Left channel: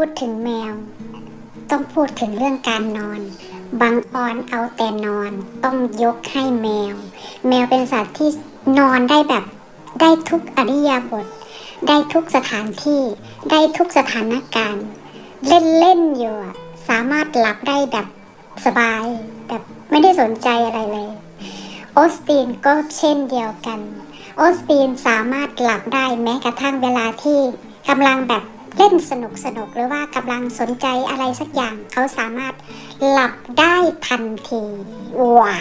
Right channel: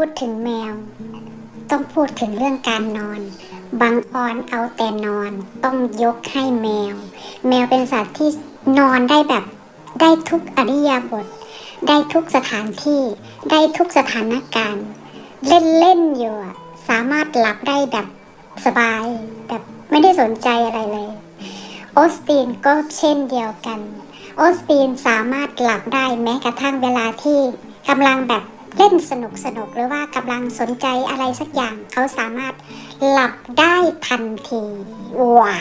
พูดถึงแมว ต้องพูดถึงเรื่องการนอนบางออนเอาแต่นอน ต้องยกให้แมว แมวเป็นสัตว์ที่นอนได้แบบได้ทุกอริยาบทได้ทุกสถานที่ ได้ทุกสถานการณ์ เล่นเล่นๆอยู่สามารถหลับได้แบบสบาย แบบไม่ได้สนใจอะไรเลยโอสตินก็เช่นเดียวกันโอสตินสามารถหลับได้แม้กระทั่งเวลาที่กำลังแบบ เล่นสนุกสนุกหรือว่ากำลังสนใจอะไรสักอย่าง เขาสามารถหลับได้ทันทีว้า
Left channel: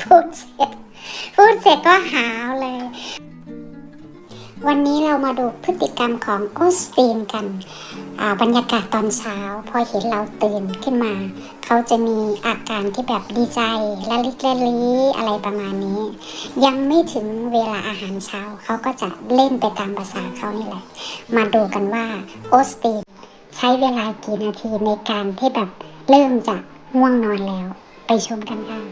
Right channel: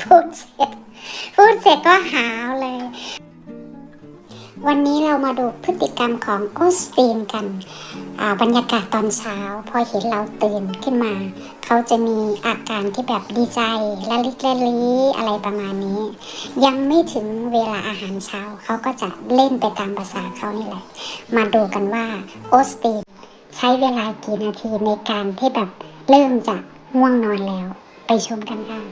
พูดเสร็จพูดเสร็จก็หาว วันนี้เรามาดูพฤติกรรมของโอสตีนกันอ่าบรรยากาศตอนเช้า พอเห็นเราตื่นขึ้นมา เขาจะมีอาการที่แบบดีใจละลิกละลีอะไรประมาณนี้ ยังไม่ถึงเวลาอาหารเช้า เขาก็จะเล่นไปตามภาษาเขานี่แหละ มาดูกันว่าโอสตีนใช้เวลากี่นาทีในการที่แบบเริ่มจะง่วงนอนแล้ว ไปชมกันค่ะ